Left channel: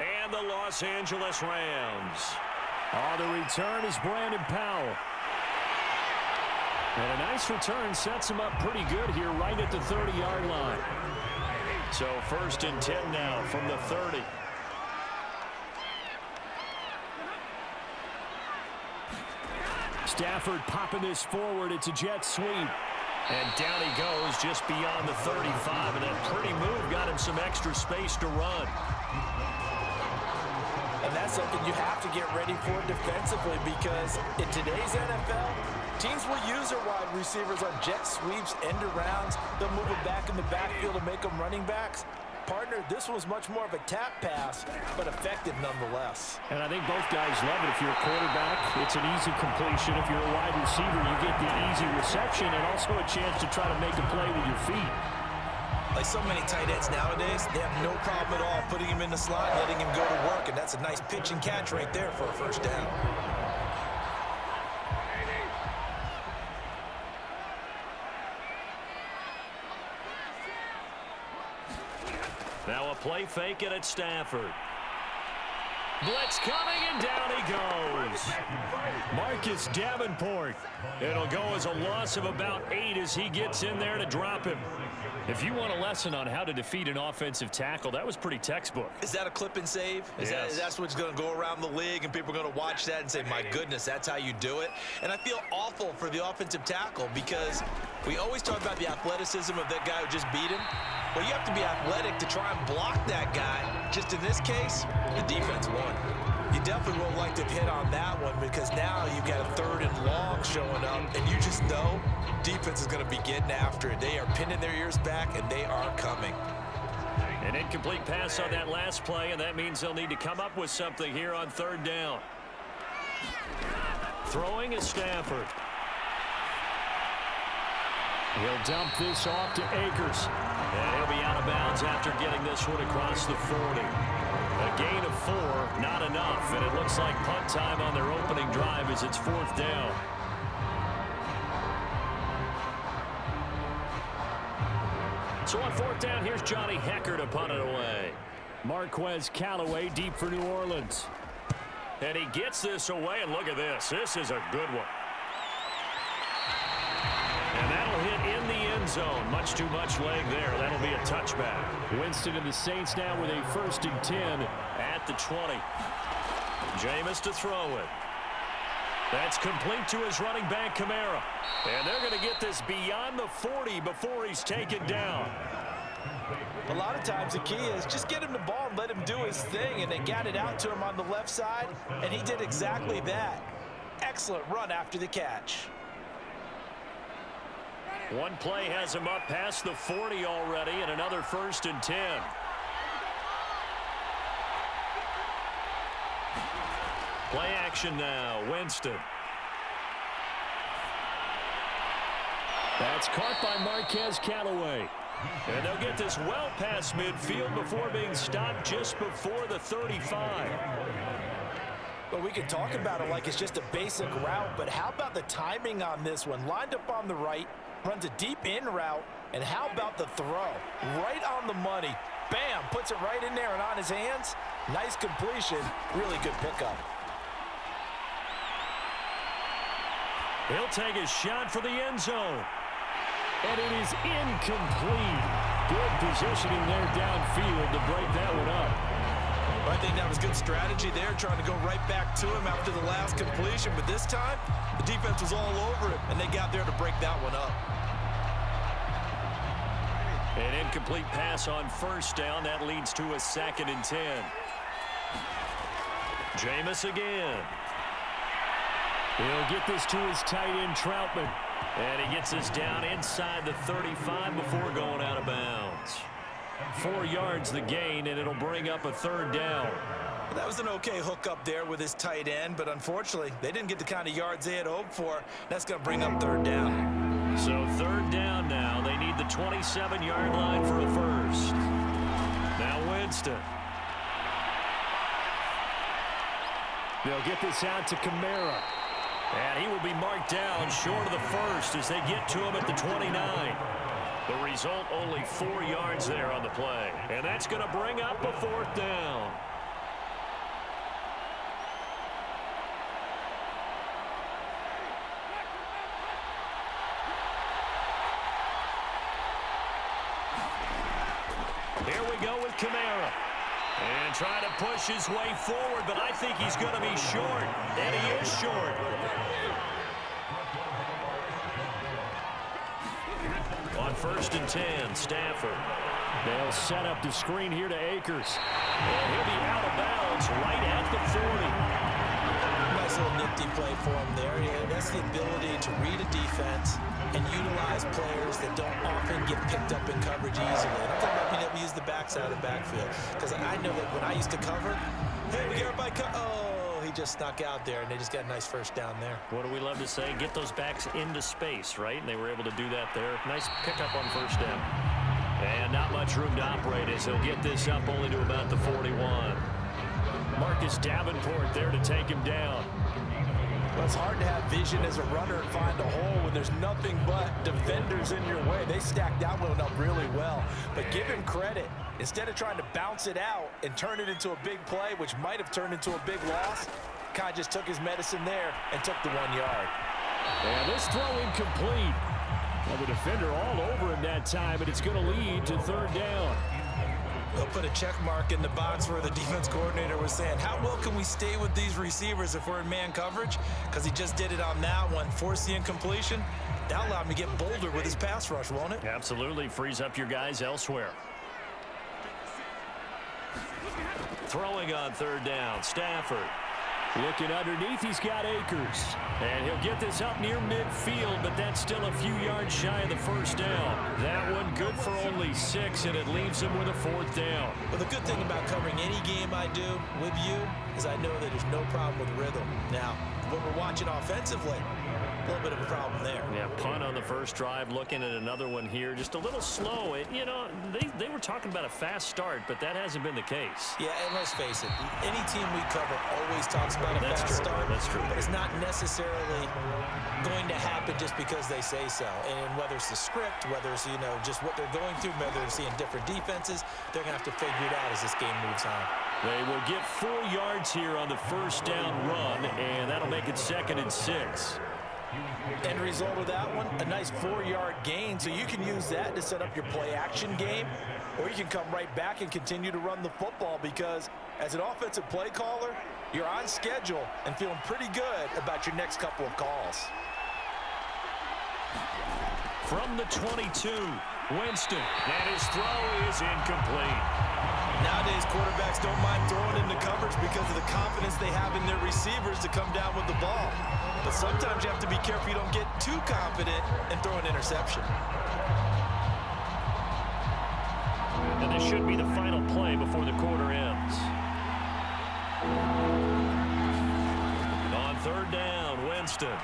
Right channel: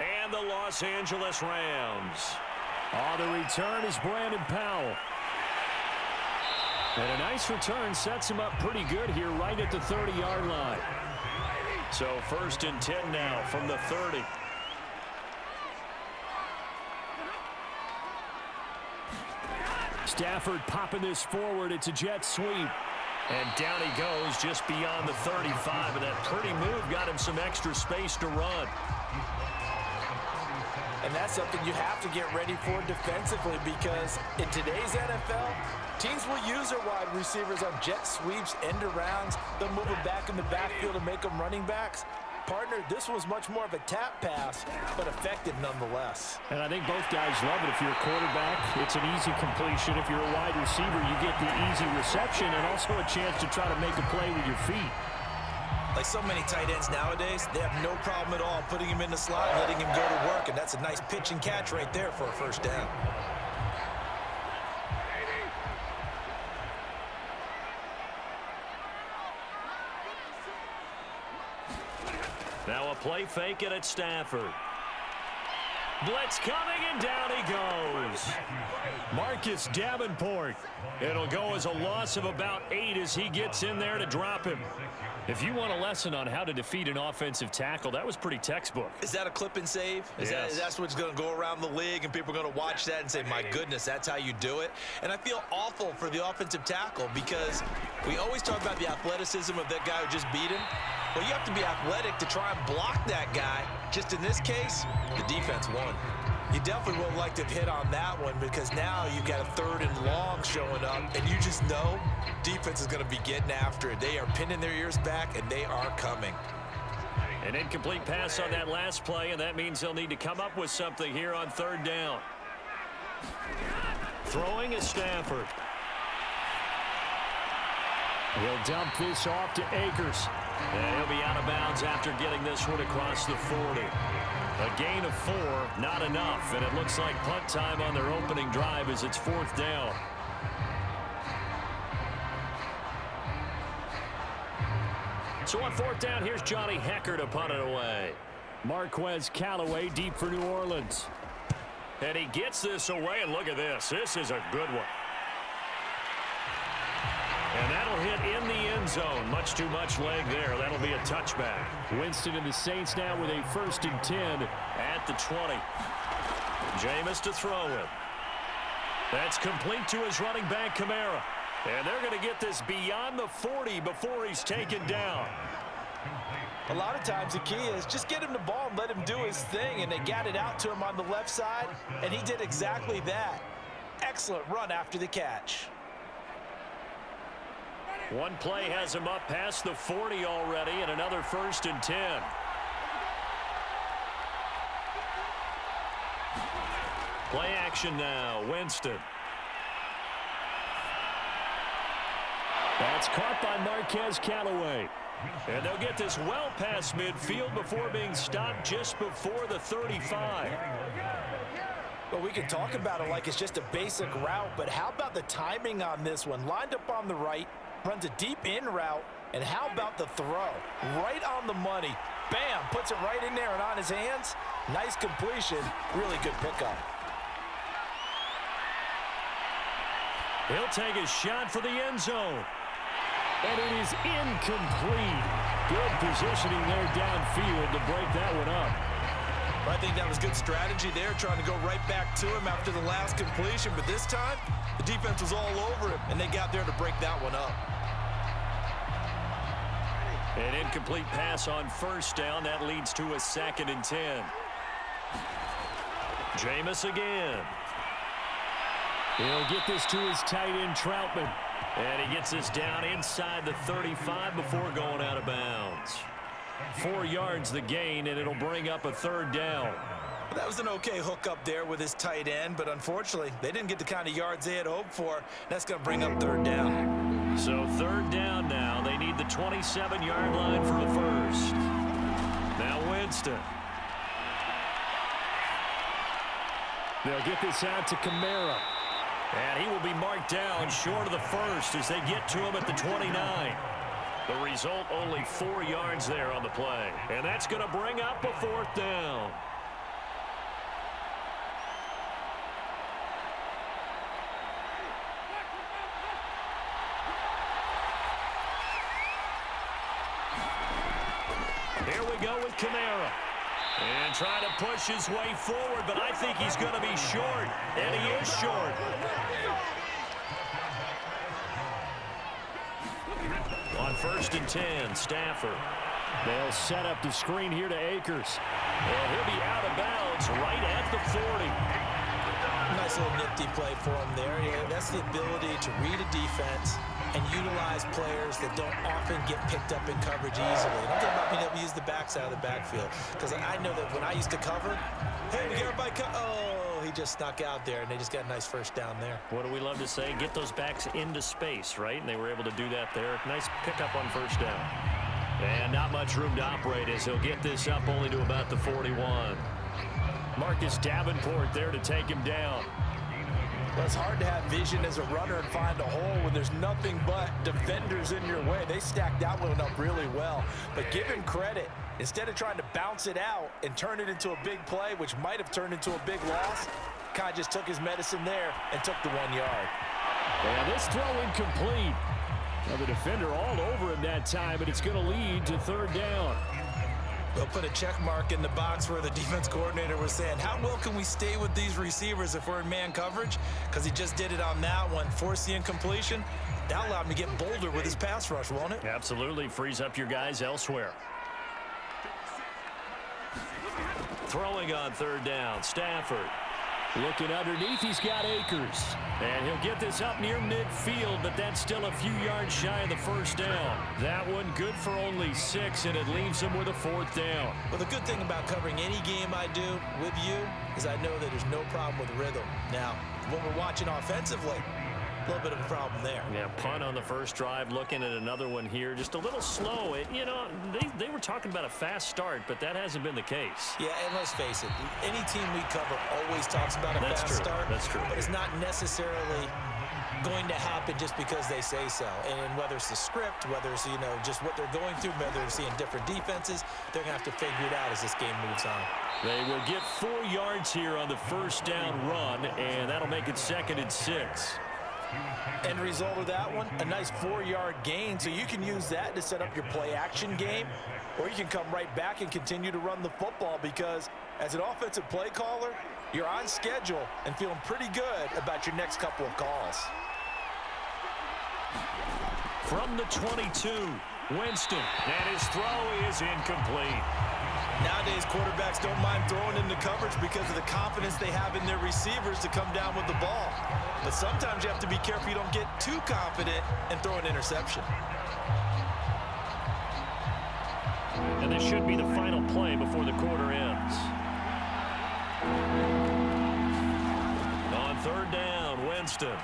and the Los Angeles Rams. On the return is Brandon Powell. And a nice return sets him up pretty good here right at the 30-yard line. So 1st and 10 now from the 30. Stafford popping this forward. It's a jet sweep. And down he goes just beyond the 35. And that pretty move got him some extra space to run. And that's something you have to get ready for defensively, because in today's NFL, teams will use their wide receivers on jet sweeps, end arounds. They'll move them back in the backfield to make them running backs. Partner, this was much more of a tap pass, but effective nonetheless. And I think both guys love it. If you're a quarterback, it's an easy completion. If you're a wide receiver, you get the easy reception and also a chance to try to make a play with your feet. Like so many tight ends nowadays, they have no problem at all putting him in the slot and letting him go to work, and that's a nice pitch and catch right there for a first down. Now a play fake it at Stafford. Blitz coming, and down he goes. Marcus Davenport. It'll go as a loss of about 8 as he gets in there to drop him. If you want a lesson on how to defeat an offensive tackle, that was pretty textbook. Is that a clip and save? Yes. That's what's going to go around the league, and people are going to watch that and say, my goodness, that's how you do it. And I feel awful for the offensive tackle, because we always talk about the athleticism of that guy who just beat him. Well, you have to be athletic to try and block that guy. Just in this case, the defense won. You definitely would like to have hit on that one, because now you've got a 3rd and long showing up, and you just know defense is going to be getting after it. They are pinning their ears back, and they are coming. An incomplete pass on that last play, and that means they'll need to come up with something here on 3rd down. Throwing is Stafford. He'll dump this off to Akers. And he'll be out of bounds after getting this one across the 40. A gain of 4, not enough, and it looks like punt time on their opening drive as it's 4th down. So on 4th down, here's Johnny Hecker to punt it away. Marquez Callaway deep for New Orleans. And he gets this away, and look at this. This is a good one. And that'll hit in the end zone. Much too much leg there. That'll be a touchback. Winston and the Saints now with a 1st and 10 at the 20. Jameis to throw it. That's complete to his running back, Kamara. And they're going to get this beyond the 40 before he's taken down. A lot of times the key is just get him the ball and let him do his thing, and they got it out to him on the left side, and he did exactly that. Excellent run after the catch. One play has him up past the 40 already, and another 1st and 10. Play action now, Winston. That's caught by Marquez Callaway. And they'll get this well past midfield before being stopped just before the 35. Well, we can talk about it like it's just a basic route, but how about the timing on this one? Lined up on the right, runs a deep in route, and how about the throw? Right on the money. Bam, puts it right in there and on his hands. Nice completion, really good pickup. He'll take a shot for the end zone. And it is incomplete. Good positioning there downfield to break that one up. Well, I think that was good strategy there, trying to go right back to him after the last completion. But this time, the defense was all over him, and they got there to break that one up. An incomplete pass on 1st down. That leads to a 2nd and 10. Jameis again. He'll get this to his tight end, Troutman. And he gets this down inside the 35 before going out of bounds. 4 yards the gain, and it'll bring up a 3rd down. That was an okay hook up there with his tight end, but unfortunately, they didn't get the kind of yards they had hoped for. That's going to bring up 3rd down. So 3rd down now. They need the 27-yard line for a first. Now Winston. They'll get this out to Kamara. And he will be marked down short of the first as they get to him at the 29. The result, only 4 yards there on the play. And that's going to bring up a 4th down. we go with Kamara. And trying to push his way forward, but I think he's going to be short. And he is short. On 1st and 10, Stafford. They'll set up the screen here to Akers. And he'll be out of bounds right at the 40. Nice little nifty play for him there. Yeah, that's the ability to read a defense and utilize players that don't often get picked up in coverage easily. And I'm talking about being able to use the backside of the backfield. Because I know that when I used to cover, hey, we get everybody oh, he just snuck out there, and they just got a nice first down there. What do we love to say? Get those backs into space, right? And they were able to do that there. Nice pickup on 1st down. And not much room to operate as he'll get this up only to about the 41. Marcus Davenport there to take him down. Well, it's hard to have vision as a runner and find a hole when there's nothing but defenders in your way. They stacked that one up really well. But give him credit. Instead of trying to bounce it out and turn it into a big play, which might have turned into a big loss, kind of just took his medicine there and took the 1 yard. And this throw incomplete. Well, the defender all over him that time, but it's going to lead to 3rd down. We'll put a check mark in the box where the defense coordinator was saying, how well can we stay with these receivers if we're in man coverage? Because he just did it on that one, forced the incompletion. That allowed him to get bolder with his pass rush, won't it? Absolutely. Frees up your guys elsewhere. Throwing on 3rd down, Stafford. Looking underneath, he's got Akers. And he'll get this up near midfield, but that's still a few yards shy of the 1st down. That one good for only 6, and it leaves him with a 4th down. Well, the good thing about covering any game I do with you is I know that there's no problem with rhythm. Now, what we're watching offensively, a little bit of a problem there. Yeah, punt on the 1st drive, looking at another one here. Just a little slow. You know, they were talking about a fast start, but that hasn't been the case. Yeah, and let's face it, any team we cover always talks about a fast start. That's true. But it's not necessarily going to happen just because they say so. And whether it's the script, whether it's, you know, just what they're going through, whether they're seeing different defenses, they're going to have to figure it out as this game moves on. They will get 4 yards here on the 1st down run, and that'll make it 2nd and 6. End result of that one, a nice 4-yard gain, so you can use that to set up your play-action game, or you can come right back and continue to run the football because as an offensive play caller, you're on schedule and feeling pretty good about your next couple of calls. From the 22, Winston, and his throw is incomplete. Nowadays, quarterbacks don't mind throwing into coverage because of the confidence they have in their receivers to come down with the ball. But sometimes you have to be careful you don't get too confident and throw an interception. And this should be the final play before the quarter ends. On 3rd down, Winston.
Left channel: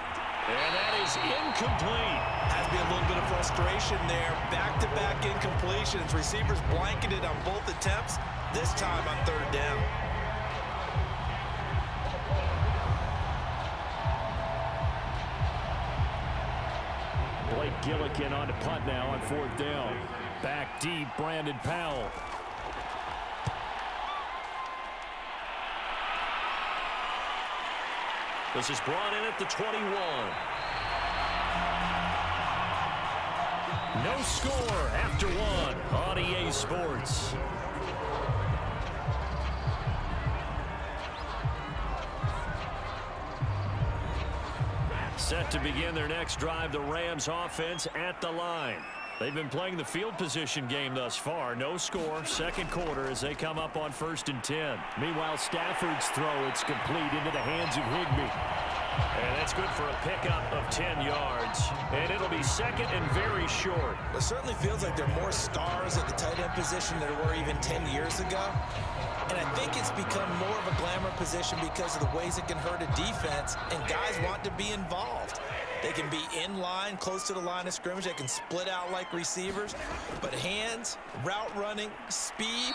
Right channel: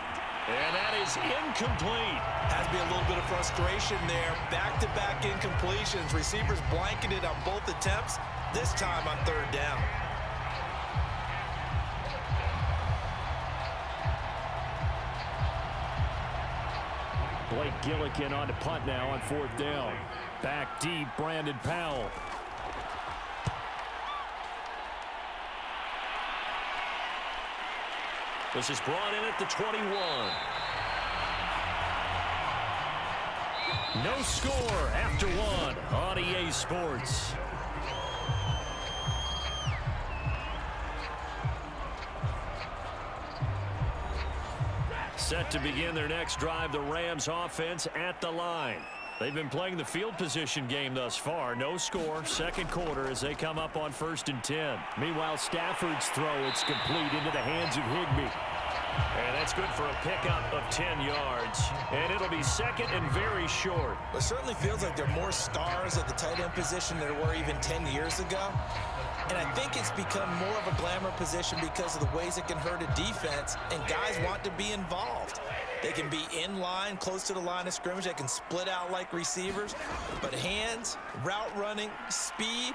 And that is incomplete. Has to be a little bit of frustration there. Back-to-back incompletions. Receivers blanketed on both attempts, this time on 3rd down. Blake Gillikin on to punt now on 4th down. Back deep, Brandon Powell. This is brought in at the 21. No score after 1 on EA Sports. Set to begin their next drive, the Rams offense at the line. They've been playing the field position game thus far. No score, 2nd quarter as they come up on 1st and 10. Meanwhile, Stafford's throw, it's complete into the hands of Higbee. And that's good for a pickup of 10 yards. And it'll be 2nd and very short. It certainly feels like there are more stars at the tight end position than there were even 10 years ago. And I think it's become more of a glamour position because of the ways it can hurt a defense, and guys want to be involved. They can be in line, close to the line of scrimmage. They can split out like receivers. But hands, route running, speed,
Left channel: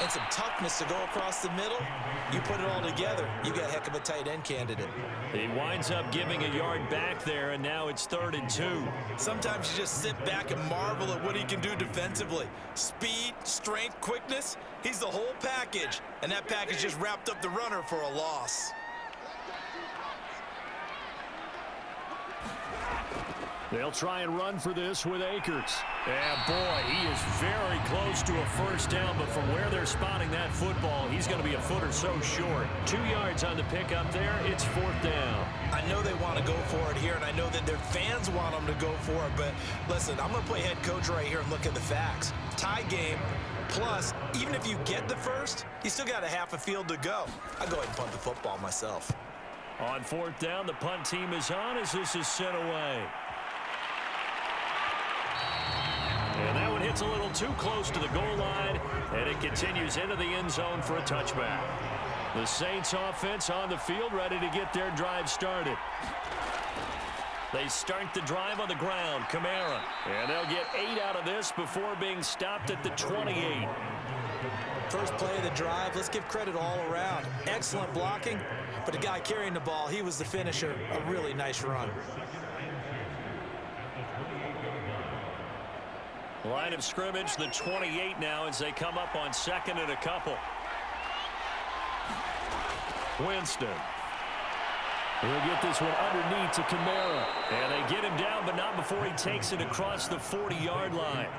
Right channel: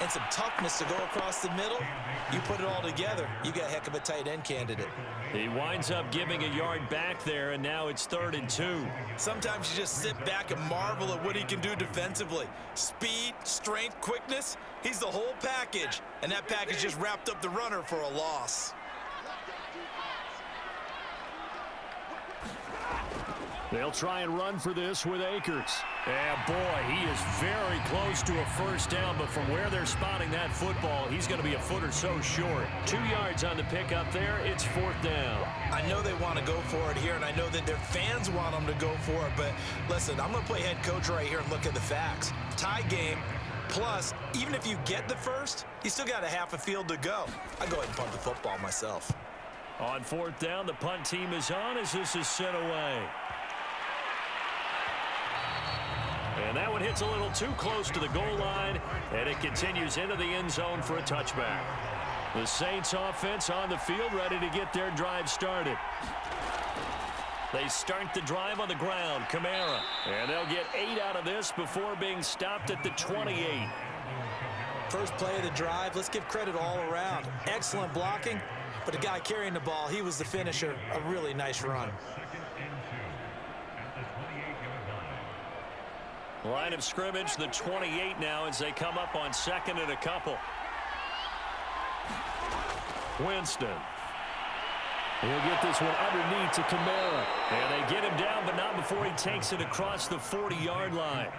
and some toughness to go across the middle, you put it all together, you got a heck of a tight end candidate. He winds up giving a yard back there, and now it's 3rd and 2. Sometimes you just sit back and marvel at what he can do defensively. Speed, strength, quickness, he's the whole package. And that package just wrapped up the runner for a loss. They'll try and run for this with Akers. And boy, he is very close to a first down, but from where they're spotting that football, he's going to be a foot or so short. 2 yards on the pickup there. It's 4th down. I know they want to go for it here, and I know that their fans want them to go for it, but listen, I'm going to play head coach right here and look at the facts. Tie game, plus, even if you get the first, you still got a half a field to go. I'll go ahead and punt the football myself. On 4th down, the punt team is on as this is sent away. And that one hits a little too close to the goal line, and it continues into the end zone for a touchback. The Saints offense on the field, ready to get their drive started. They start the drive on the ground, Kamara. And they'll get 8 out of this before being stopped at the 28. First play of the drive, let's give credit all around. Excellent blocking, but the guy carrying the ball, he was the finisher. A really nice run. Line of scrimmage, the 28 now as they come up on 2nd and a couple. Winston. He'll get this one underneath to Kamara. And they get him down, but not before he takes it across the 40-yard line.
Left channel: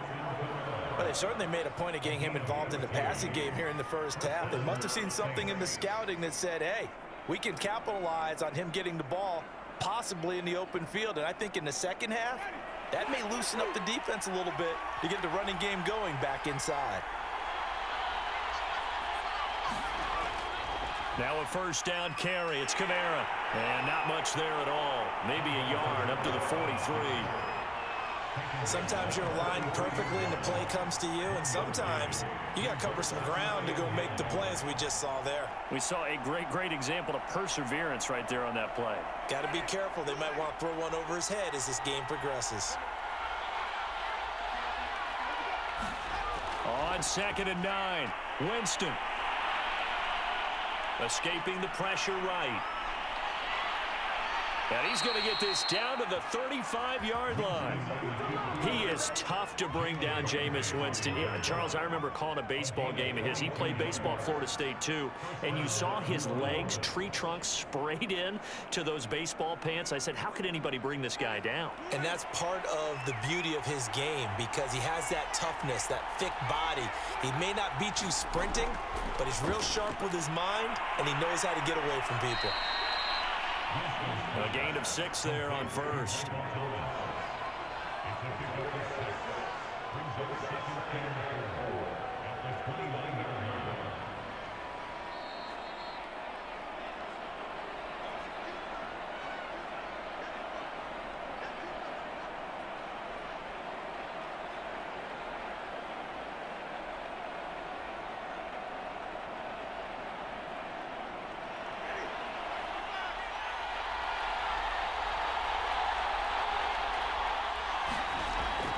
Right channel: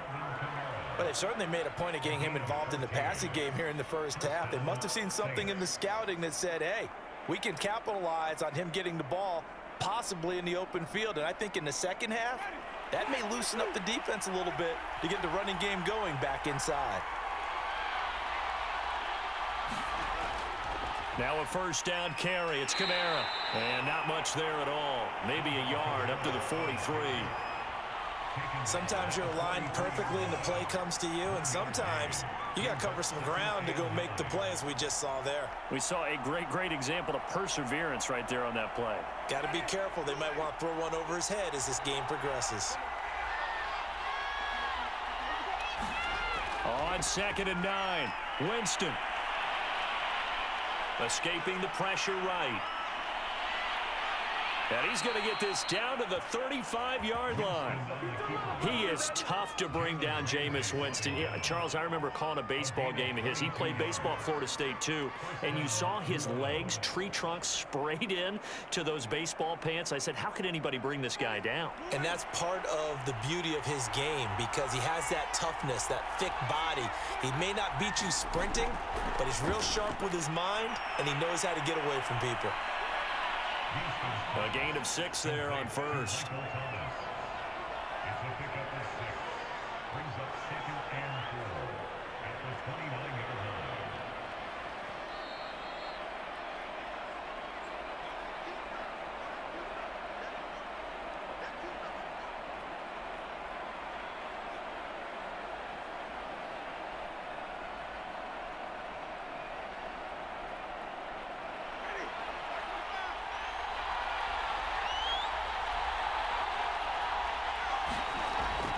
Well, they've certainly made a point of getting him involved in the passing game here in the first half. They must have seen something in the scouting that said, hey, we can capitalize on him getting the ball possibly in the open field. And I think in the second half, that may loosen up the defense a little bit to get the running game going back inside. Now a first down carry. It's Kamara. And not much there at all. Maybe a yard up to the 43. Sometimes you're aligned perfectly and the play comes to you, and sometimes you got to cover some ground to go make the play, as we just saw there. We saw a great example of perseverance right there on that play. Got to be careful. They might want to throw one over his head as this game progresses. On 2nd and 9, Winston. Escaping the pressure right. And he's going to get this down to the 35-yard line. He is tough to bring down, Jameis Winston. Yeah, Charles, I remember calling a baseball game of his. He played baseball at Florida State, too. And you saw his legs, tree trunks sprayed in to those baseball pants. I said, how could anybody bring this guy down? And that's part of the beauty of his game, because he has that toughness, that thick body. He may not beat you sprinting, but he's real sharp with his mind, and he knows how to get away from people. A gain of 6 there on first.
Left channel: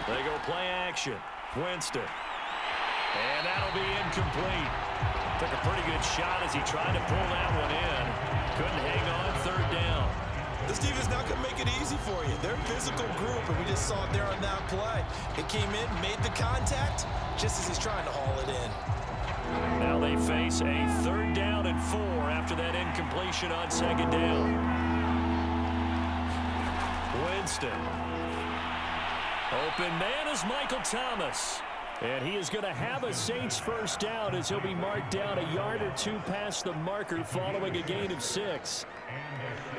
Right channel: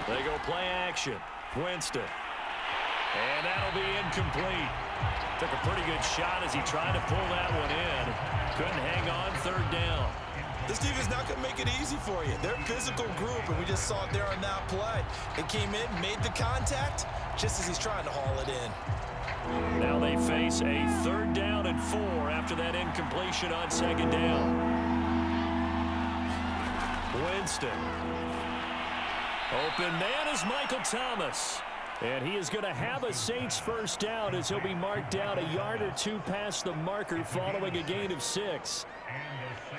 They go play action. Winston. And that'll be incomplete. Took a pretty good shot as he tried to pull that one in. Couldn't hang on. 3rd down. This defense not going to make it easy for you. They're a physical group, and we just saw it there on that play. It came in, made the contact, just as he's trying to haul it in. Now they face a 3rd down and 4 after that incompletion on 2nd down. Winston. Open man is Michael Thomas. And he is going to have a Saints first down as he'll be marked down a yard or 2 past the marker following a gain of 6.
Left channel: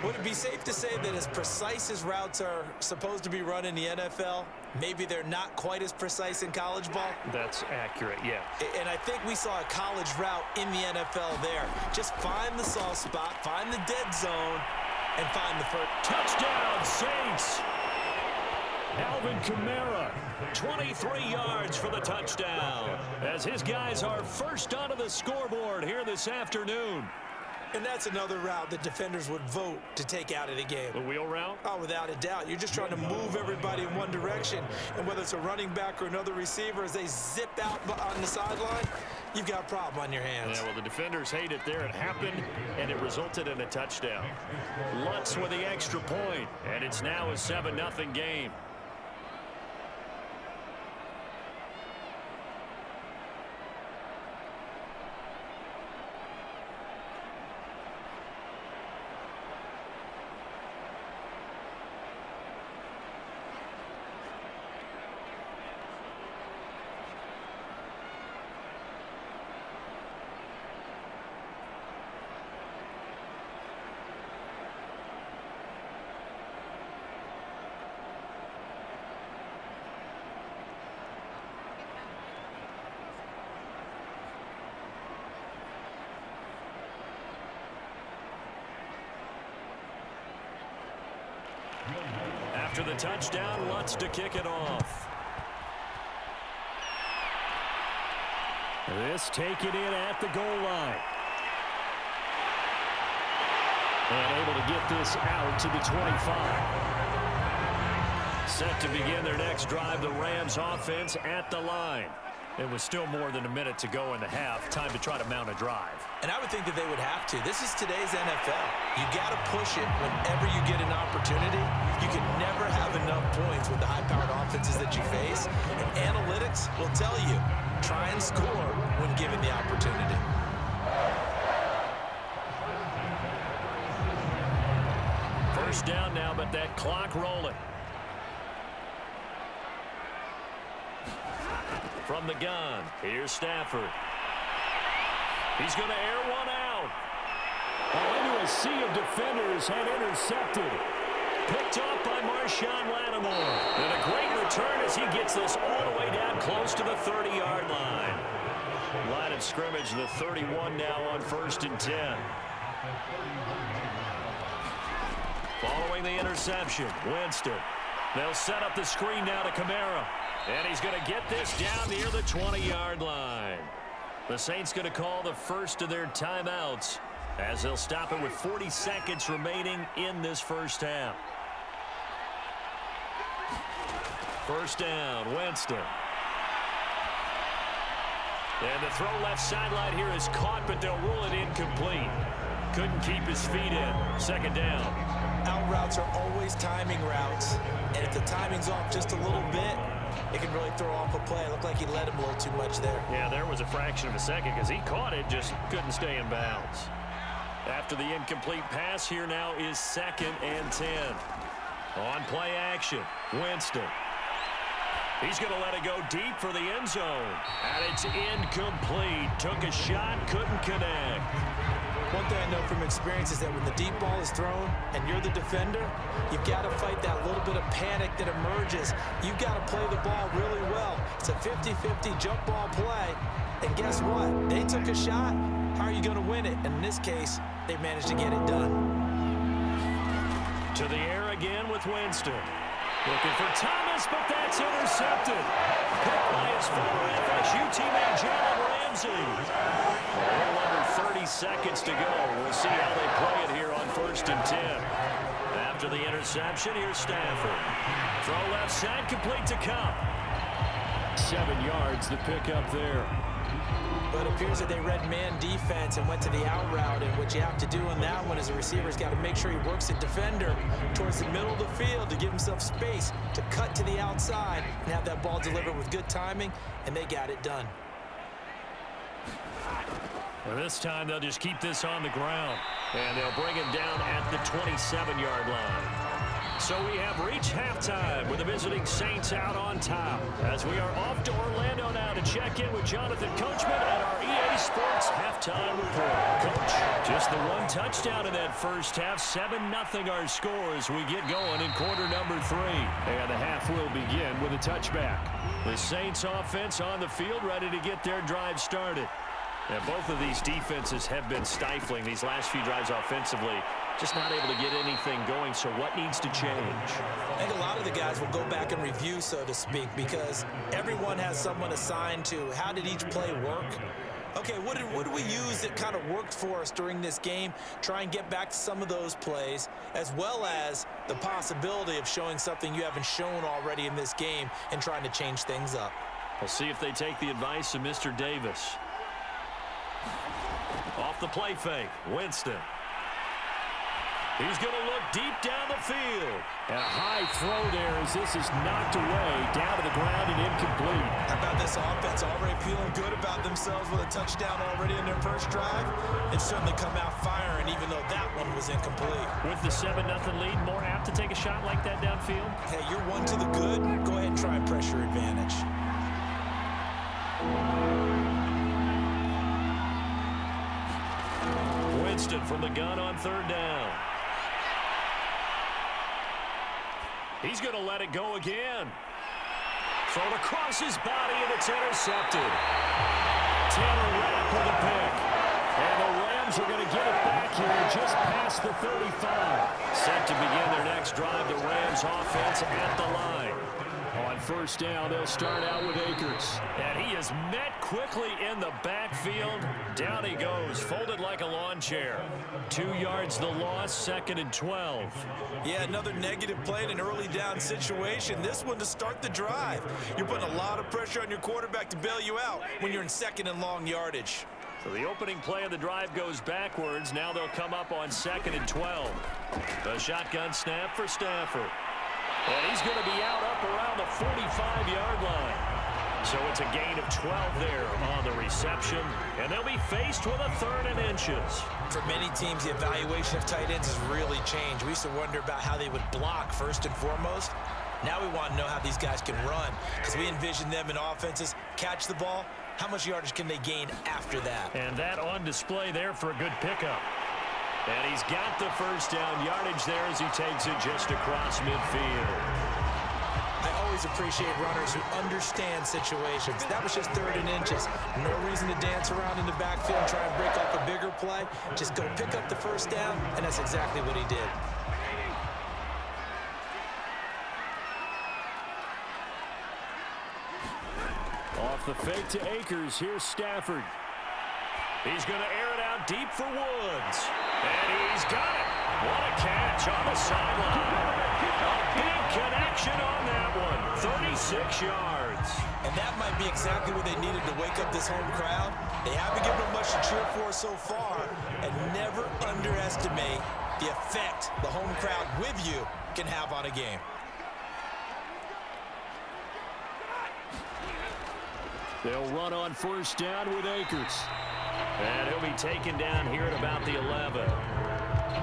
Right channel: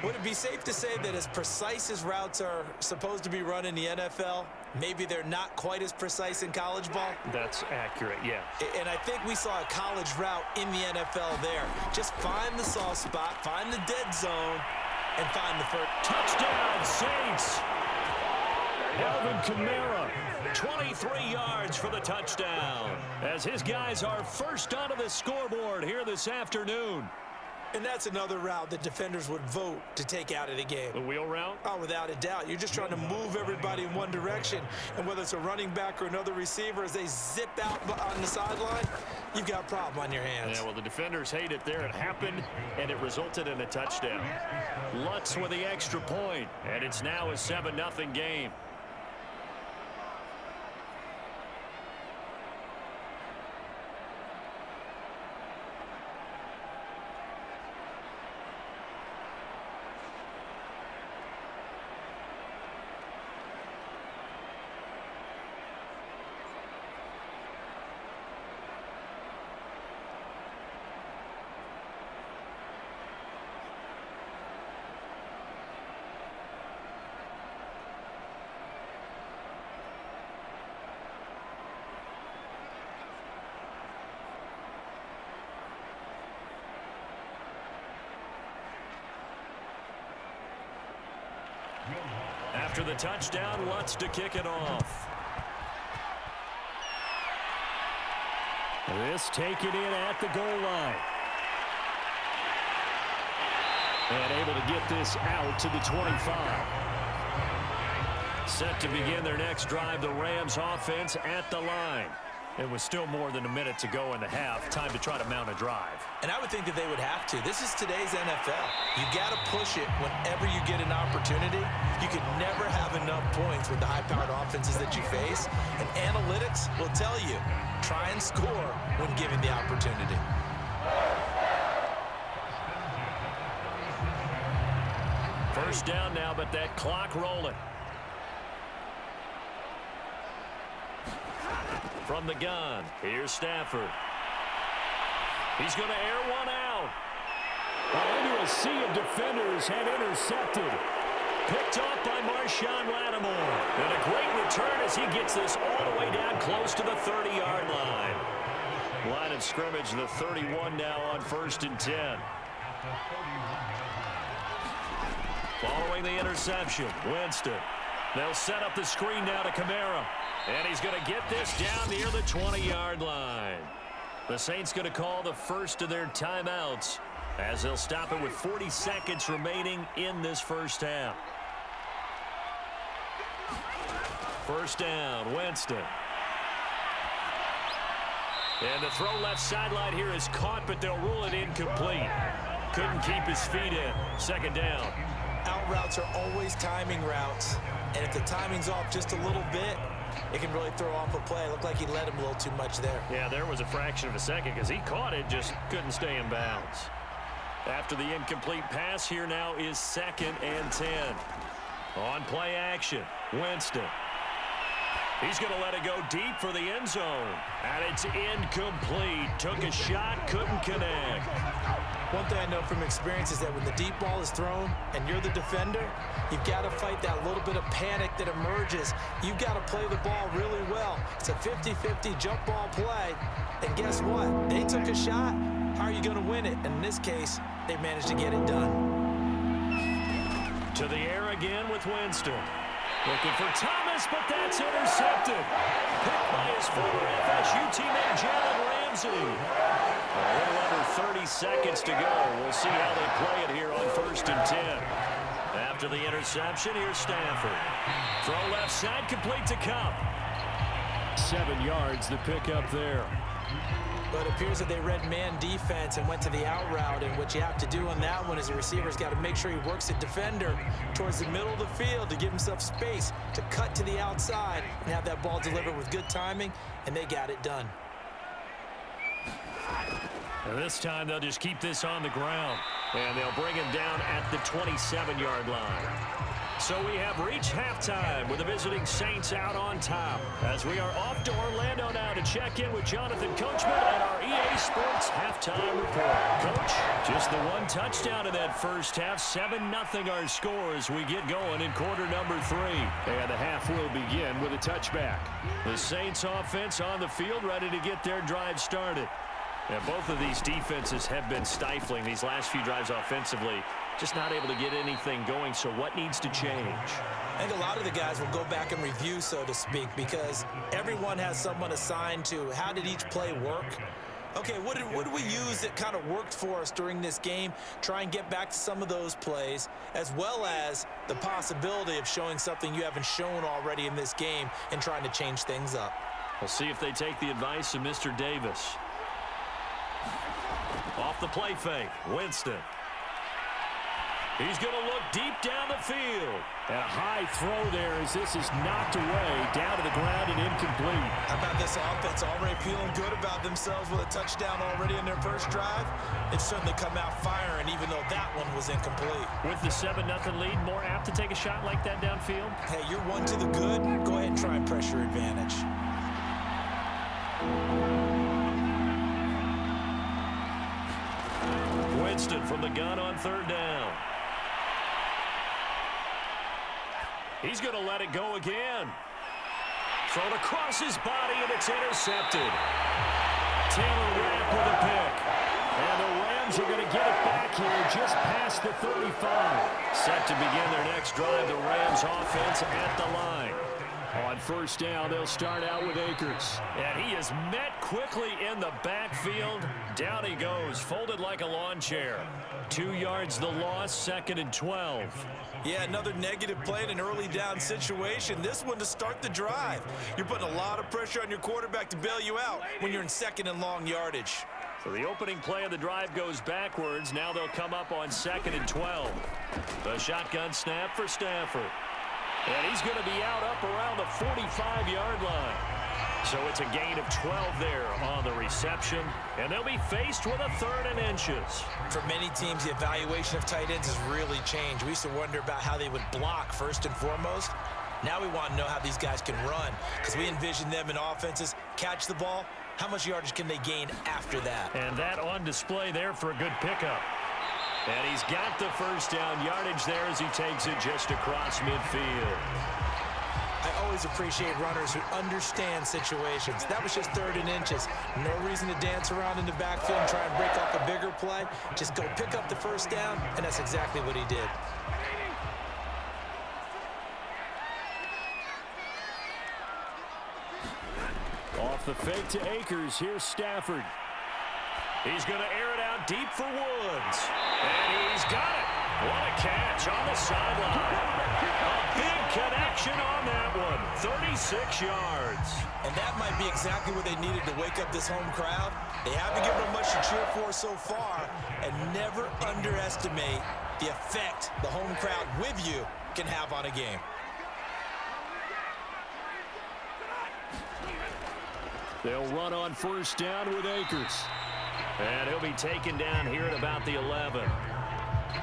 Would it be safe to say that as precise as routes are supposed to be run in the NFL, maybe they're not quite as precise in college ball? That's accurate, yeah. And I think we saw a college route in the NFL there. Just find the soft spot, find the dead zone, and find the first. Touchdown, Saints! Alvin Kamara, 23 yards for the touchdown, as his guys are first onto the scoreboard here this afternoon. And that's another route that defenders would vote to take out of the game. The wheel route? Oh, without a doubt. You're just trying to move everybody in one direction. And whether it's a running back or another receiver, as they zip out on the sideline, you've got a problem on your hands. Yeah, well, the defenders hate it there. It happened, and it resulted in a touchdown. Lutz with the extra point, and it's now a 7-0 game. After the touchdown, Lutz to kick it off. This taken in at the goal line. And able to get this out to the 25. Set to begin their next drive, the Rams offense at the line. It was still more than a minute to go in the half. Time to try to mount a drive. And I would think that they would have to. This is today's NFL. You got to push it whenever you get an opportunity. You can never have enough points with the high-powered offenses that you face. And analytics will tell you, try and score when given the opportunity. First down now, but that clock rolling. From the gun, here's Stafford. He's going to air one out. Into a sea of defenders and intercepted. Picked off by Marshawn Lattimore. And a great return as he gets this all the way down close to the 30-yard line. Line of scrimmage, the 31 now on 1st and 10. Following the interception, Winston. They'll set up the screen now to Kamara. And he's going to get this down near the 20-yard line. The Saints going to call the first of their timeouts as they'll stop it with 40 seconds remaining in this first half. First down, Winston. And the throw left sideline here is caught, but they'll rule it incomplete. Couldn't keep his feet in. Second down. Out routes are always timing routes. And if the timing's off just a little bit, it can really throw off a play. It looked like he led him a little too much there. Yeah, there was a fraction of a second because he caught it, just couldn't stay in bounds. After the incomplete pass, here now is 2nd and 10. On play action, Winston. He's going to let it go deep for the end zone. And it's incomplete. Took a shot, couldn't connect. One thing I know from experience is that when the deep ball is thrown and you're the defender, you've got to fight that little bit of panic that emerges. You've got to play the ball really well. It's a 50-50 jump ball play. And guess what? They took a shot. How are you going to win it? And in this case, they managed to get it done. To the air again with Winston. Looking for Thomas, but that's intercepted. Picked by his former FSU teammate Jalen Ramsey. A little under 30 seconds to go. We'll see how they play it here on 1st and 10. After the interception, here's Stafford. Throw left side, complete to Cup. 7 yards, the pickup there. But it appears that they read man defense and went to the out route. And what you have to do on that one is the receiver's got to make sure he works the defender towards the middle of the field to give himself space to cut to the outside and have that ball delivered with good timing, and they got it done. And this time they'll just keep this on the ground. And they'll bring him down at the 27-yard line. So we have reached halftime with the visiting Saints out on top. As we are off to Orlando now to check in with Jonathan Coachman at our EA Sports Halftime Report. Coach, just the one touchdown in that first half. 7-0 our score as we get going in quarter number 3. And the half will begin with a touchback. The Saints offense on the field ready to get their drive started. And both of these defenses have been stifling these last few drives offensively. Just not able to get anything going, so what needs to change? I think a lot of the guys will go back and review, so to speak, because everyone has someone assigned to how did each play work. Okay, what did we use that kind of worked for us during this game? Try and get back to some of those plays, as well as the possibility of showing something you haven't shown already in this game and trying to change things up. We'll see if they take the advice of Mr. Davis. Off the play fake, Winston. He's going to look deep down the field. And a high throw there as this is knocked away, down to the ground and incomplete. How about this offense already feeling good about themselves with a touchdown already in their first drive? They've certainly come out firing, even though that one was incomplete. With the 7-0 lead, more apt to take a shot like that downfield? Hey, you're one to the good. Go ahead and try and pressure advantage. Winston from the gun on 3rd down. He's going to let it go again. Thrown across his body, and it's intercepted. Tanner Rapp with a pick. And the Rams Rams are going to get it back here just past the 35. Set to begin their next drive, the Rams offense at the line. On first down, they'll start out with Akers. And he is met quickly in the backfield. Down he goes, folded like a lawn chair. 2 yards the loss, 2nd and 12. Yeah, another negative play in an early down situation. This one to start the drive. You're putting a lot of pressure on your quarterback to bail you out when you're in 2nd and long yardage. So the opening play of the drive goes backwards. Now they'll come up on 2nd and 12. The shotgun snap for Stafford. And he's going to be out up around the 45-yard line. So it's a gain of 12 there on the reception. And they'll be faced with a 3rd and inches. For many teams, the evaluation of tight ends has really changed. We used to wonder about how they would block first and foremost. Now we want to know how these guys can run, because we envision them in offenses catch the ball. How much yardage can they gain after that? And that on display there for a good pickup. And he's got the first down yardage there as he takes it just across midfield. I always appreciate runners who understand situations. That was just 3rd and inches. No reason to dance around in the backfield and try and break off a bigger play. Just go pick up the first down, and that's exactly what he did. Off the fake to Akers, here's Stafford. He's going to air it out deep for Woods. And he's got it. What a catch on the sideline. A big connection on that one. 36 yards. And that might be exactly what they needed to wake up this home crowd. They haven't given them much to cheer for so far. And never underestimate the effect the home crowd with you can have on a game. They'll run on first down with Akers. And he'll be taken down here at about the 11.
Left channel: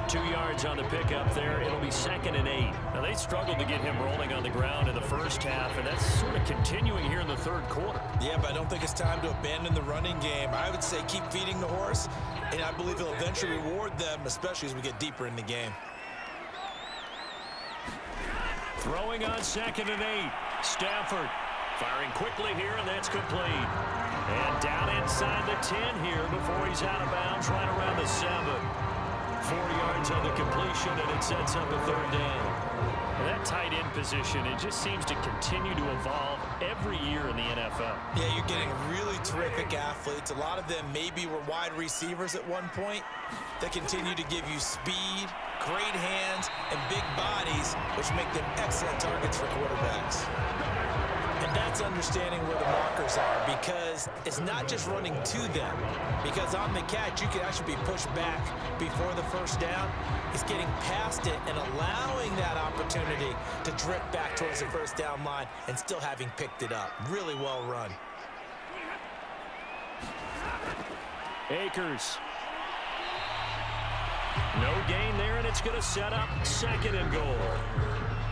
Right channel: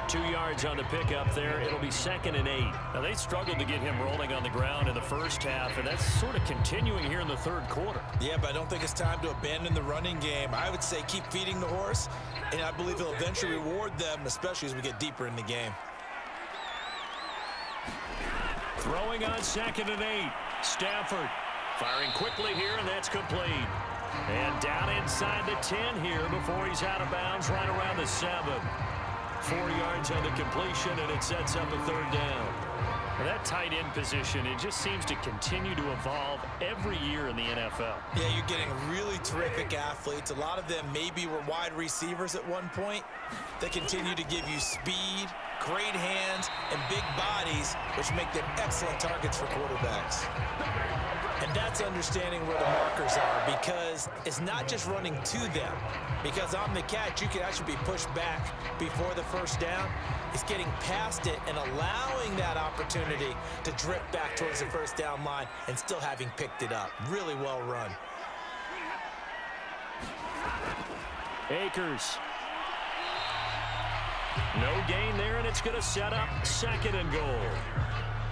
2 yards on the pickup there. It'll be 2nd and 8. Now, they struggled to get him rolling on the ground in the first half, and that's sort of continuing here in the 3rd quarter. Yeah, but I don't think it's time to abandon the running game. I would say keep feeding the horse, and I believe he'll eventually reward them, especially as we get deeper in the game. Throwing on 2nd and 8. Stafford firing quickly here, and that's complete. And down inside the 10 here before he's out of bounds, right around the 7. 4 yards on the completion, and it sets up a 3rd down. And that tight end position, it just seems to continue to evolve every year in the NFL. Yeah, you're getting really terrific athletes. A lot of them maybe were wide receivers at one point. They continue to give you speed, great hands, and big bodies, which make them excellent targets for quarterbacks. And that's understanding where the markers are, because it's not just running to them. Because on the catch, you can actually be pushed back before the first down. It's getting past it and allowing that opportunity to drip back towards the first down line and still having picked it up. Really well run. Akers. No gain there, and it's going to set up 2nd and goal.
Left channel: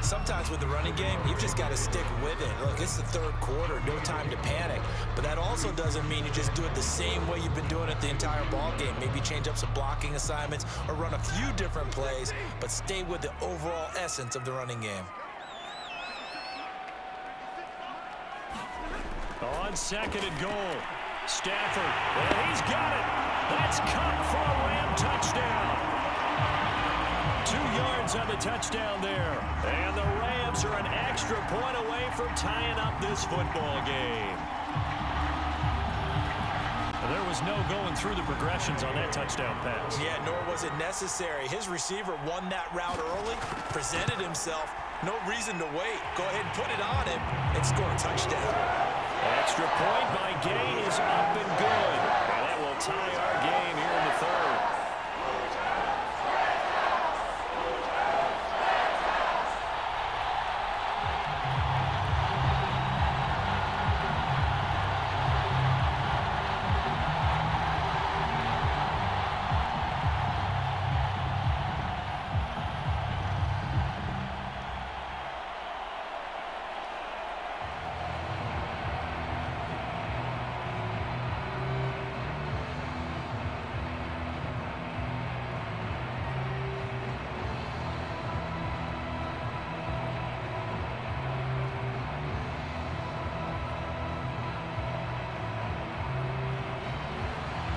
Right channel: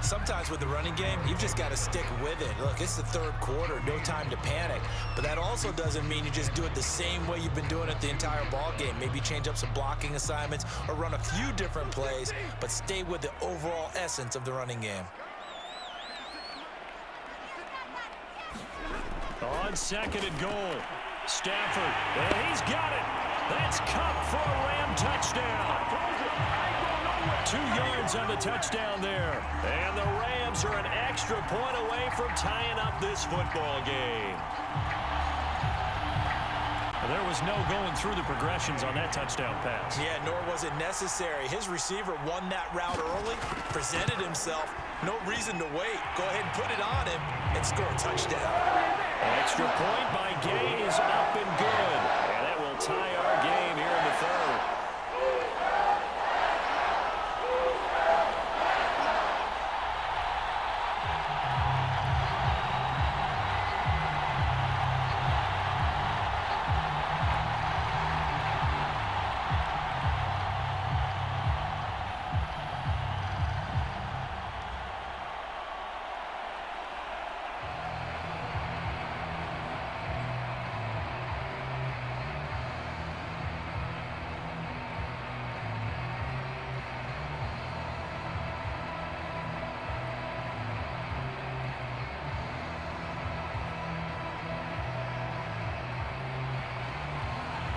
Sometimes with the running game, you've just got to stick with it. Look, it's the 3rd quarter, no time to panic. But that also doesn't mean you just do it the same way you've been doing it the entire ball game. Maybe change up some blocking assignments or run a few different plays, but stay with the overall essence of the running game. On 2nd and goal. Stafford, and he's got it. That's Cup for a Ram touchdown. 2 yards on the touchdown there. And the Rams are an extra point away from tying up this football game. And there was no going through the progressions on that touchdown pass. Yeah, nor was it necessary. His receiver won that route early, presented himself. No reason to wait. Go ahead and put it on him and score a touchdown. Extra point by Gay is up and good. And that will tie our game here in the 3rd.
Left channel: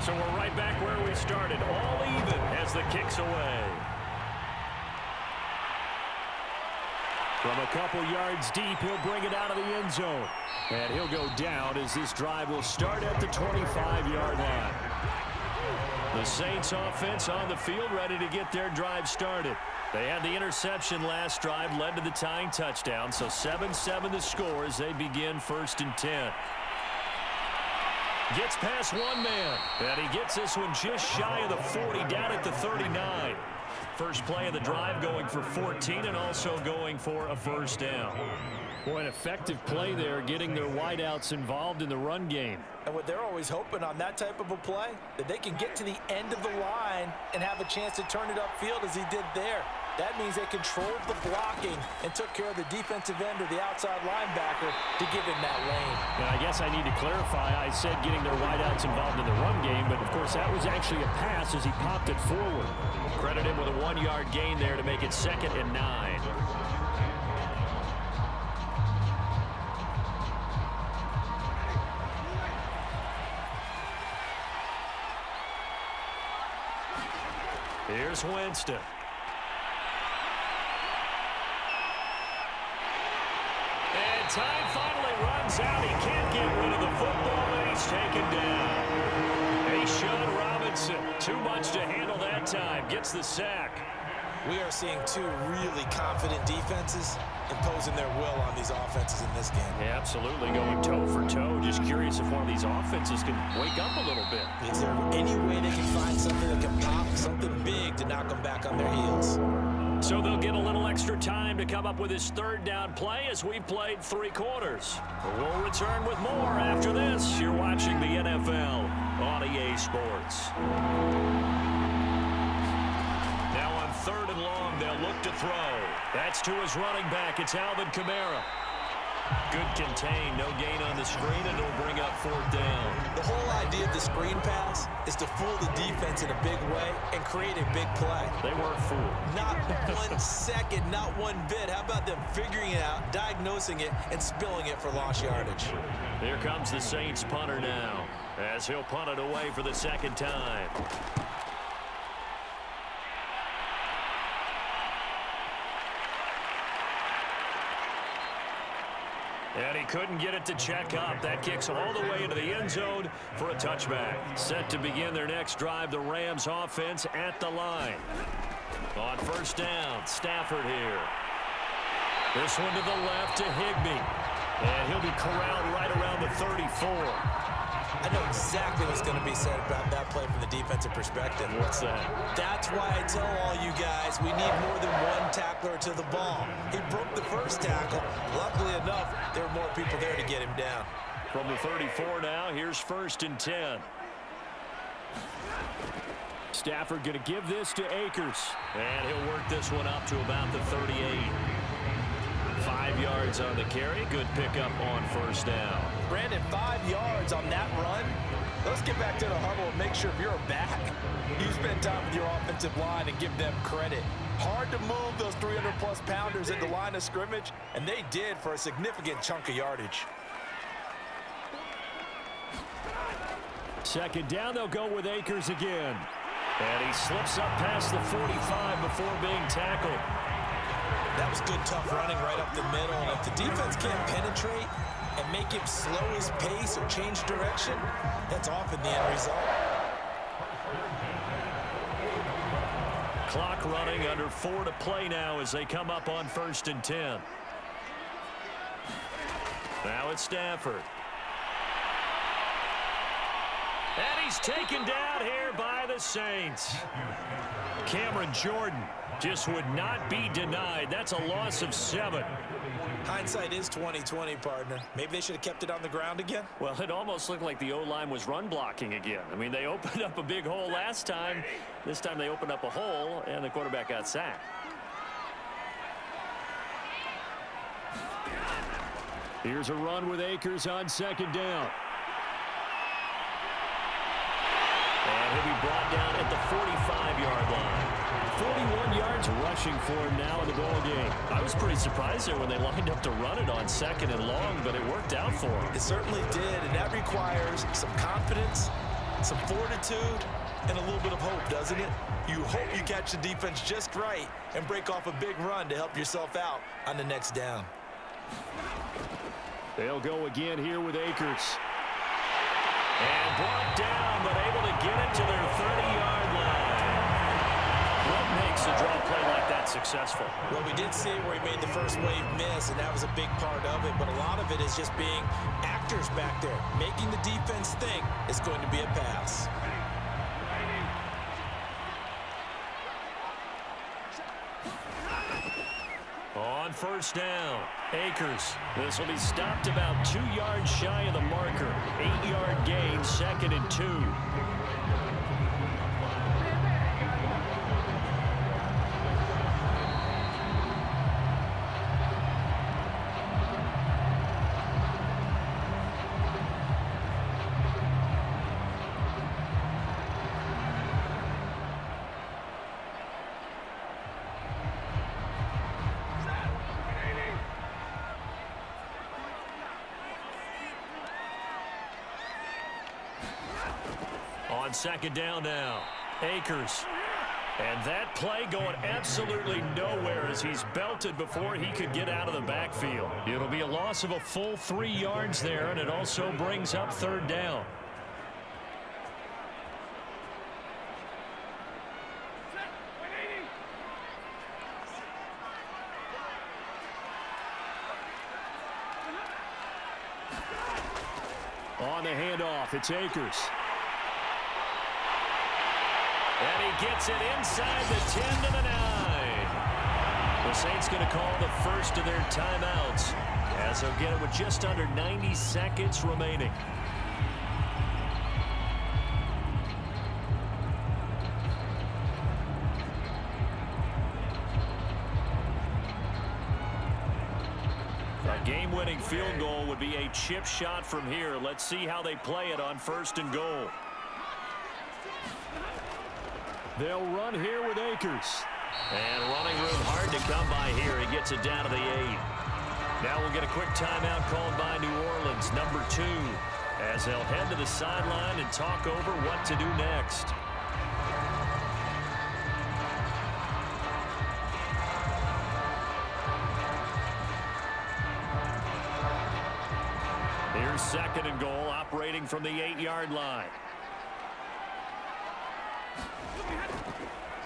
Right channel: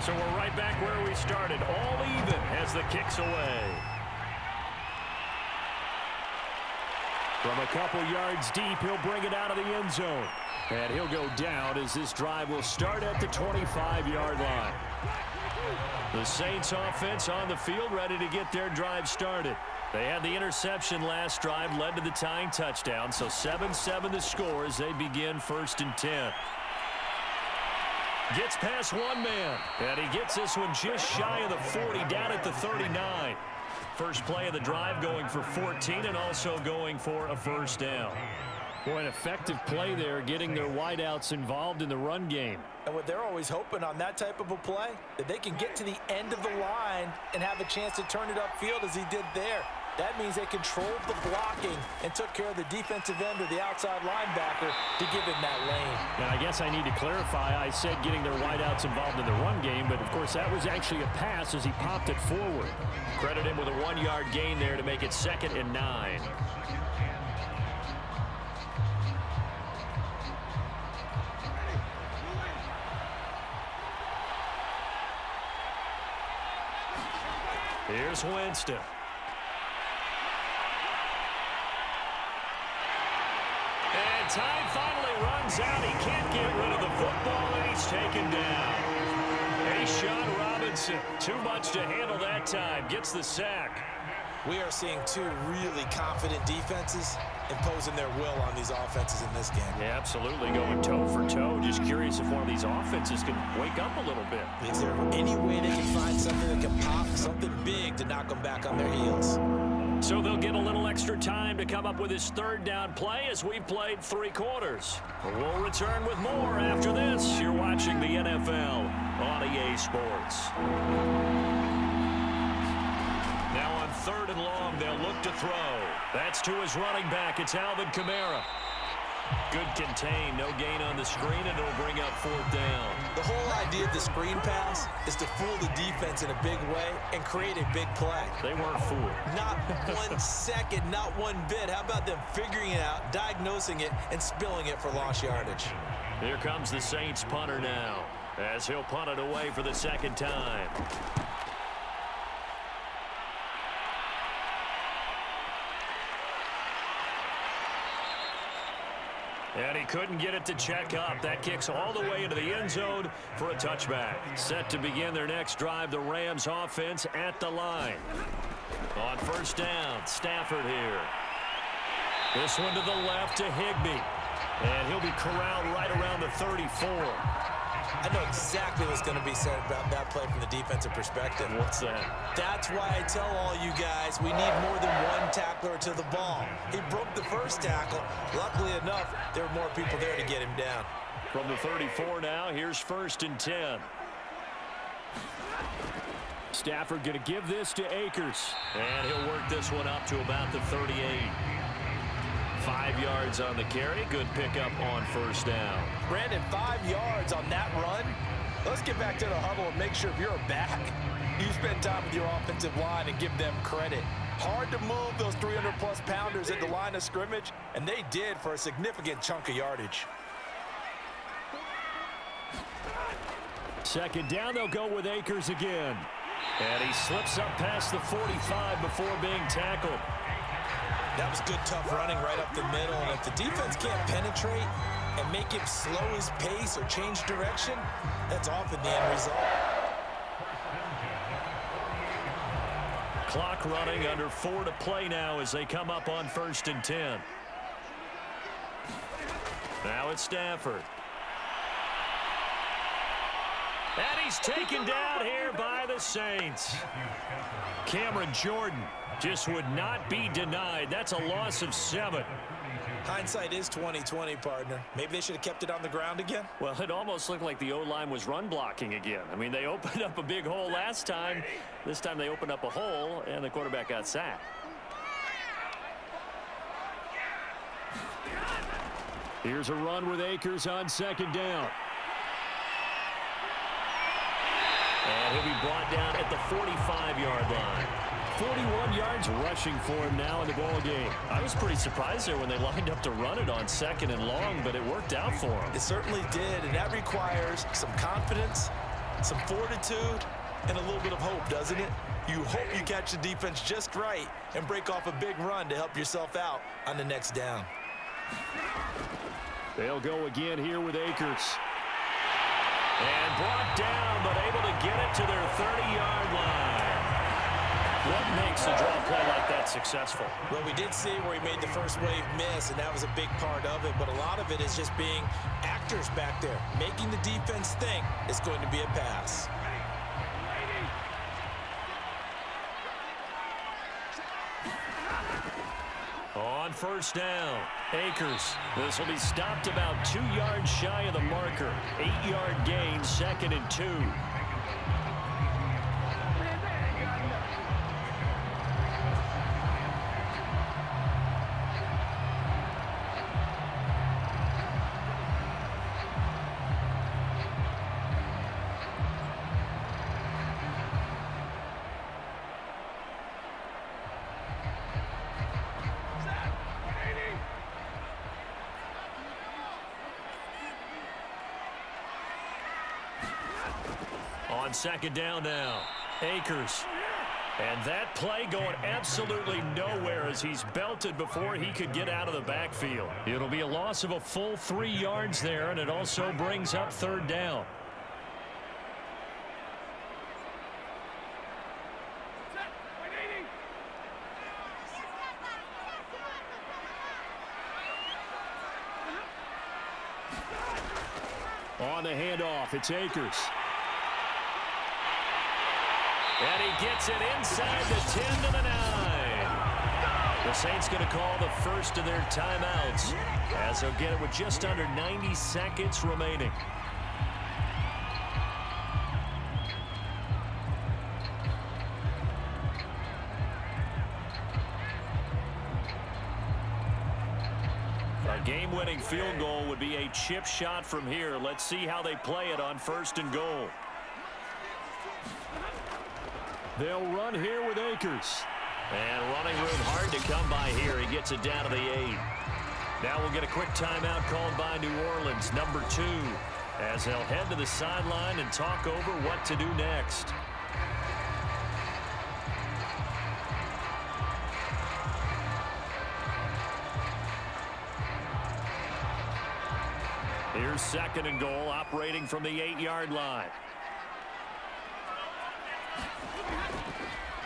So we're right back where we started, all even as the kick's away. From a couple yards deep, he'll bring it out of the end zone. And he'll go down as this drive will start at the 25-yard line. The Saints offense on the field ready to get their drive started. They had the interception last drive, led to the tying touchdown. So 7-7 the score as they begin 1st and 10. Gets past one man, and he gets this one just shy of the 40, down at the 39. First play of the drive going for 14 and also going for a first down. Boy, an effective play there, getting their wideouts involved in the run game. And what they're always hoping on that type of a play, that they can get to the end of the line and have a chance to turn it upfield as he did there. That means they controlled the blocking and took care of the defensive end or the outside linebacker to give him that lane. And I guess I need to clarify, I said getting their wideouts involved in the run game, but of course that was actually a pass as he popped it forward. Credit him with a 1-yard gain there to make it 2nd and 9. Here's Winston. And time finally runs out. He can't get rid of the football, and he's taken down. Sean Robinson, too much to handle that time, gets the sack. We are seeing two really confident defenses imposing their will on these offenses in this game. Yeah, absolutely, going toe for toe. Just curious if one of these offenses can wake up a little bit. Is there any way they can find something that can pop, something big to knock them back on their heels? So they'll get a little extra time to come up with his 3rd down play as we've played 3 quarters. We'll return with more after this. You're watching the NFL on EA Sports. Now on 3rd and long, they'll look to throw. That's to his running back. It's Alvin Kamara. Good contain, no gain on the screen, and it'll bring up 4th down. The whole idea of the screen pass is to fool the defense in a big way and create a big play. They weren't fooled. Not 1 second, not one bit. How about them figuring it out, diagnosing it, and spilling it for lost yardage? Here comes the Saints punter now, as he'll punt it away for the 2nd time. And he couldn't get it to check up. That kicks all the way into the end zone for a touchback. Set to begin their next drive, the Rams offense at the line. On 1st down, Stafford here. This one to the left to Higbee. And he'll be corralled right around the 34. I know exactly what's going to be said about that play from the defensive perspective. What's that? That's why I tell all you guys we need more than one tackler to the ball. He broke the first tackle. Luckily enough, there were more people there to get him down. From the 34 now, here's 1st and 10. Stafford going to give this to Akers. And he'll work this one up to about the 38. 5 yards on the carry. Good pickup on 1st down. Brandon, 5 yards on that run. Let's get back to the huddle and make sure if you're a back, you spend time with your offensive line and give them credit. Hard to move those 300-plus pounders at the line of scrimmage, and they did for a significant chunk of yardage. 2nd down, they'll go with Akers again. And he slips up past the 45 before being tackled. That was good, tough running right up the middle. And if the defense can't penetrate and make him slow his pace or change direction, that's often the end result. Clock running, under 4 to play now as they come up on 1st and 10. Now it's Stafford. And he's taken down here by the Saints. Cameron Jordan just would not be denied. That's a loss of 7. Hindsight is 20/20, partner. Maybe they should have kept it on the ground again. Well, it almost looked like the O-line was run blocking again. I mean, they opened up a big hole last time. This time they opened up a hole, and the quarterback got sacked. Here's a run with Akers on 2nd down. And he'll be brought down at the 45-yard line. 41 yards rushing for him now in the ball game. I was pretty surprised there when they lined up to run it on 2nd and long, but it worked out for him. It certainly did, and that requires some confidence some fortitude and a little bit of hope, doesn't it? You hope you catch the defense just right and break off a big run to help yourself out on the next down. They'll go again here with Akers. And brought down, but able to get it to their 30-yard line. What makes a draw play like that successful? Well, we did see where he made the first wave miss, and that was a big part of it. But a lot of it is just being actors back there, making the defense think it's going to be a pass. On first down, Akers. This will be stopped about 2 yards shy of the marker. 8-yard gain, 2nd and 2. On second down now, Akers. And that play going absolutely nowhere as he's belted before he could get out of the backfield. It'll be a loss of a full 3 yards there, and it also brings up third down. On the handoff, it's Akers. And he gets it inside the 10 to the 9. The Saints going to call the first of their timeouts as they'll get it with just under 90 seconds remaining. A game-winning field goal would be a chip shot from here. Let's see how they play it on first and goal. They'll run here with Akers. And running room hard to come by here. He gets it down to the 8. Now we'll get a quick timeout called by New Orleans, number 2, as they'll head to the sideline and talk over what to do next. Here's second and goal, operating from the 8-yard line.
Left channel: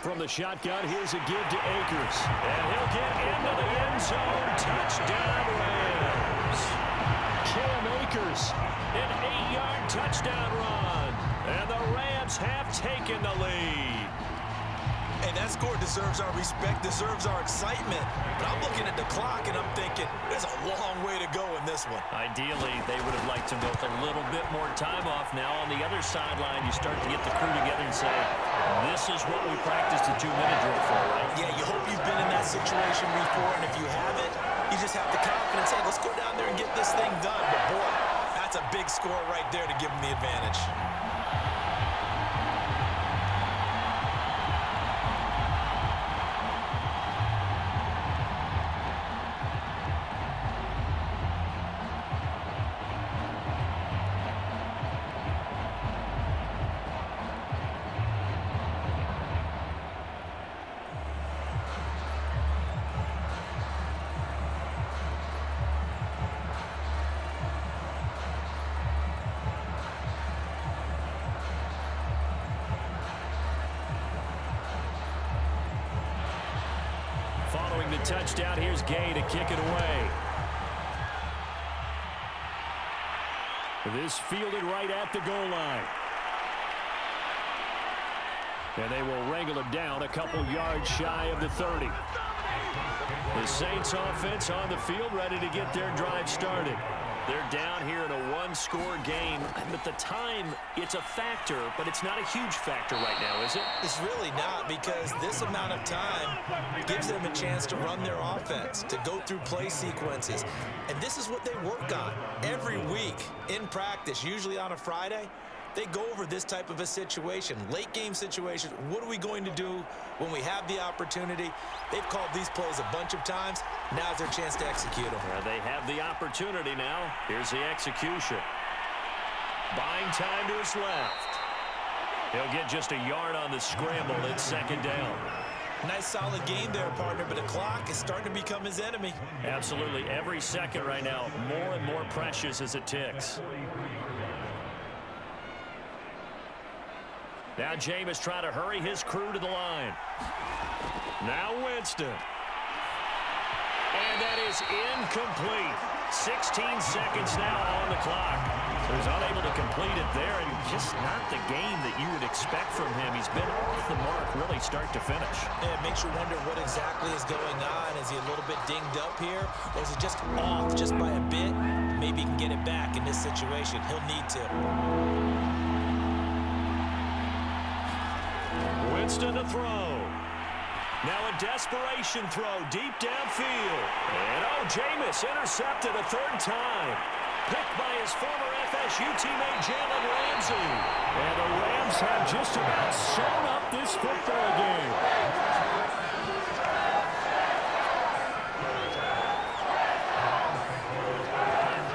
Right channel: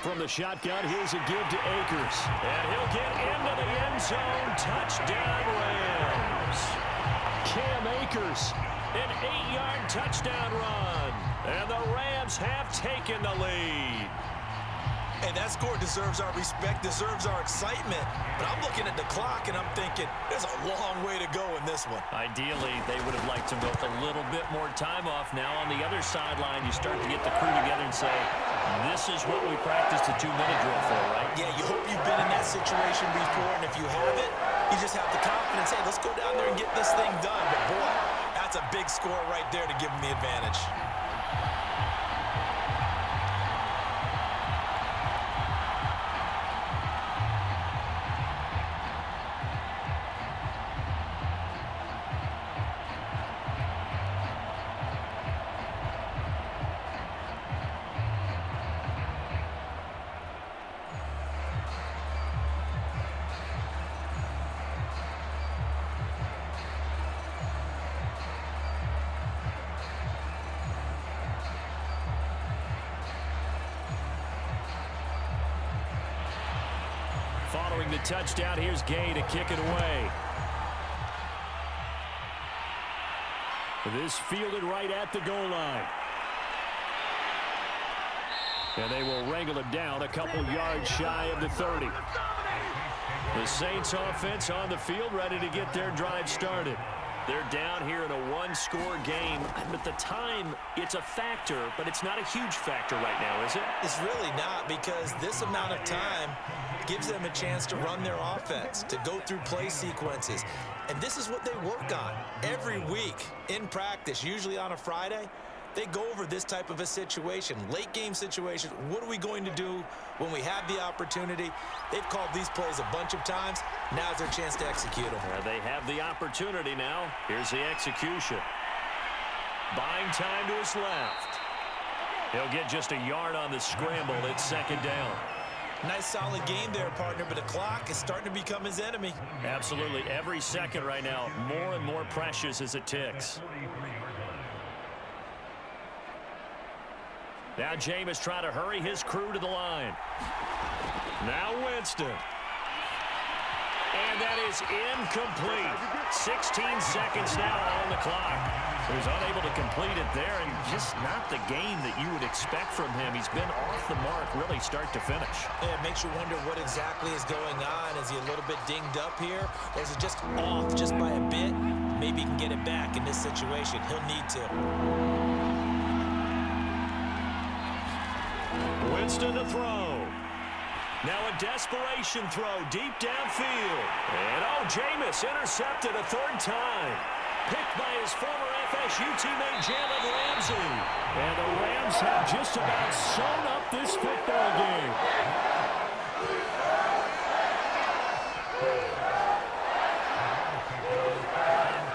From the shotgun, here's a give to Akers. And he'll get into the end zone. Touchdown, Rams. Cam Akers, an 8-yard touchdown run. And the Rams have taken the lead. And that score deserves our respect, deserves our excitement. But I'm looking at the clock, and I'm thinking, there's a long way to go in this one. Ideally, they would have liked to milk a little bit more time off. Now on the other sideline, you start to get the crew together and say, this is what we practiced a 2-minute drill for, right? Yeah, you hope you've been in that situation before, and if you haven't, you just have the confidence, hey, let's go down there and get this thing done. But boy, that's a big score right there to give them the advantage. Following the touchdown, here's Gay to kick it away. This fielded right at the goal line. And they will wrangle it down a couple yards shy of the 30. The Saints offense on the field ready to get their drive started. They're down here in a one-score game. At the time, it's a factor, but it's not a huge factor right now, is it? It's really not, because this amount of time gives them a chance to run their offense, to go through play sequences. And this is what they work on every week in practice, usually on a Friday. They go over this type of a situation, late game situation. What are we going to do when we have the opportunity? They've called these plays a bunch of times. Now's their chance to execute them. They have the opportunity now. Here's the execution. Buying time to his left. He'll get just a yard on the scramble. It's second down. Nice solid game there, partner, but the clock is starting to become his enemy. Absolutely. Every second right now, more and more precious as it ticks. Now Jameis trying to hurry his crew to the line. Now Winston. And that is incomplete. 16 seconds now on the clock. So he's unable to complete it there, and just not the game that you would expect from him. He's been off the mark really start to finish. Yeah, it makes you wonder what exactly is going on. Is he a little bit dinged up here, or is it just off just by a bit? Maybe he can get it back in this situation. He'll need to. Winston to throw. Now a desperation throw deep downfield. And Jameis intercepted a third time. Picked by his former FSU teammate Jalen Ramsey. And the Rams have just about sewn up this football game.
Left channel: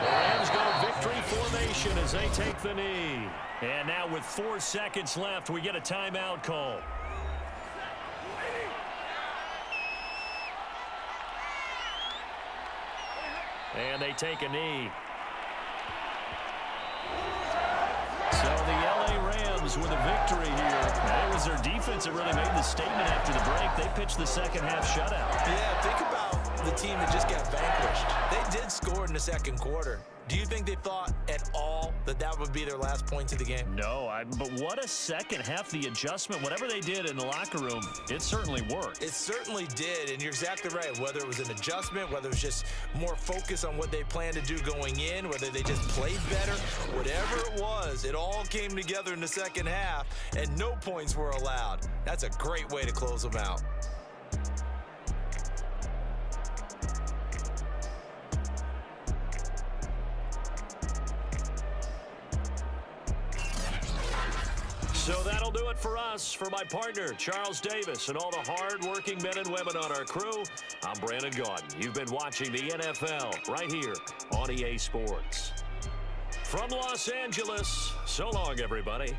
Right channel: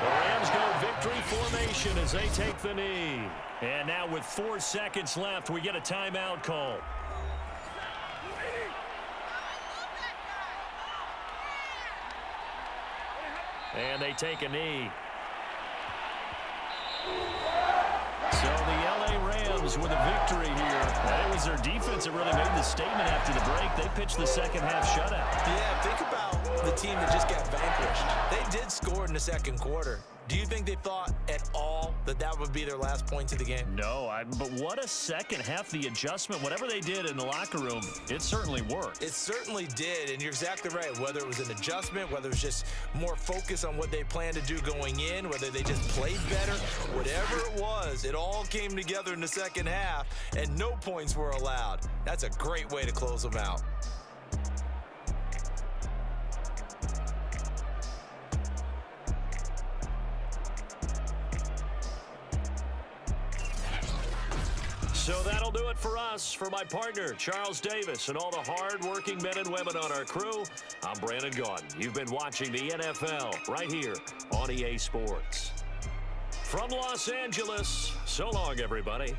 The Rams go victory formation as they take the knee. And now with 4 seconds left, we get a timeout call. And they take a knee. So the L.A. Rams with a victory here. And it was their defense that really made the statement after the break. They pitched the second half shutout. Yeah, think about the team that just got vanquished. They did score in the second quarter. Do you think they thought at all that that would be their last point to the game? No, but what a second half. The adjustment, whatever they did in the locker room, it certainly worked. It certainly did, and you're exactly right. Whether it was an adjustment, whether it was just more focus on what they planned to do going in, whether they just played better, whatever it was, it all came together in the second half, and no points were allowed. That's a great way to close them out. So that'll do it for us. For my partner, Charles Davis, and all the hard-working men and women on our crew, I'm Brandon Gaudin. You've been watching the NFL right here on EA Sports. From Los Angeles, so long, everybody.